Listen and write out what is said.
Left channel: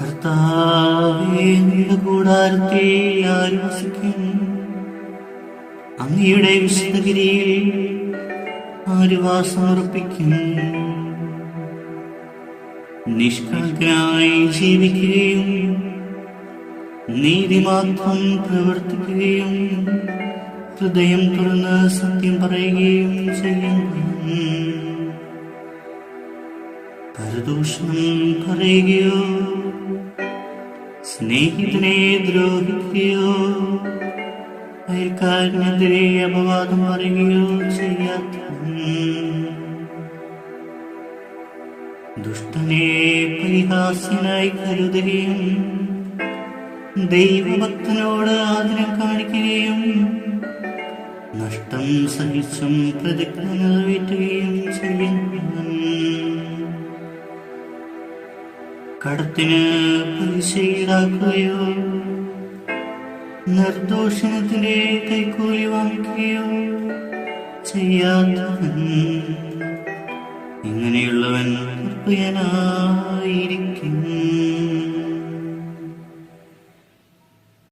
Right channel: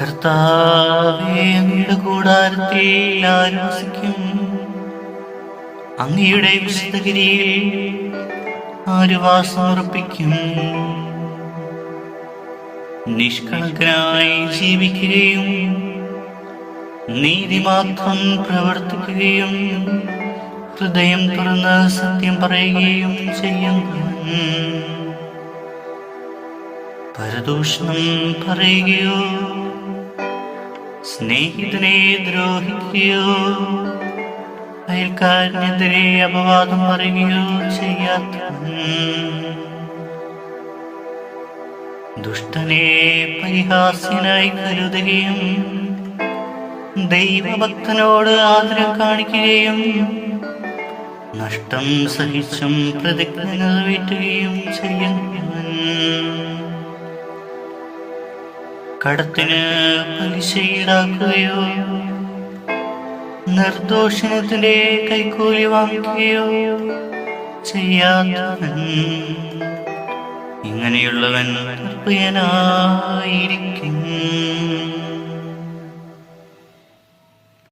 കർത്താവേ, അങ്ങയുടെ കൂടാരത്തിൽ ആര് വസിക്കും? അങ്ങയുടെ വിശുദ്ധഗിരിയിൽ ആര് വാസമുറപ്പിക്കും? നിഷ്കളങ്കനായി ജീവിക്കുകയും നീതി മാത്രം പ്രവർത്തിക്കുകയും ഹൃദയം തുറന്ന് സത്യം പറയുകയും ചെയ്യുന്നു. പരദൂഷണം പറയുകയോ സ്നേഹിതനെ ദ്രോഹിക്കുകയോ അയൽക്കാരനെതിരെ അപവാദം പറയുകയോ ചെയ്യാത്തവൻ, ദുഷ്ടനെ പരിഹാസ്യനായി കരുതുകയും ദൈവഭക്തനോട് ആദരം കാണിക്കുകയും നഷ്ടം സഹിച്ചും പ്രതിജ്ഞ നിറവേറ്റുകയും ചെയ്യുന്നവൻ, കടത്തിന് പലിശ ഈടാക്കുകയോ നിർദോഷണത്തിന്റെ കൈക്കൂലി വാങ്ങിക്കുകയോ ചെയ്യാത്തവൻ, ഇങ്ങനെയുള്ളവൻ പ്രിയനായിരിക്കും.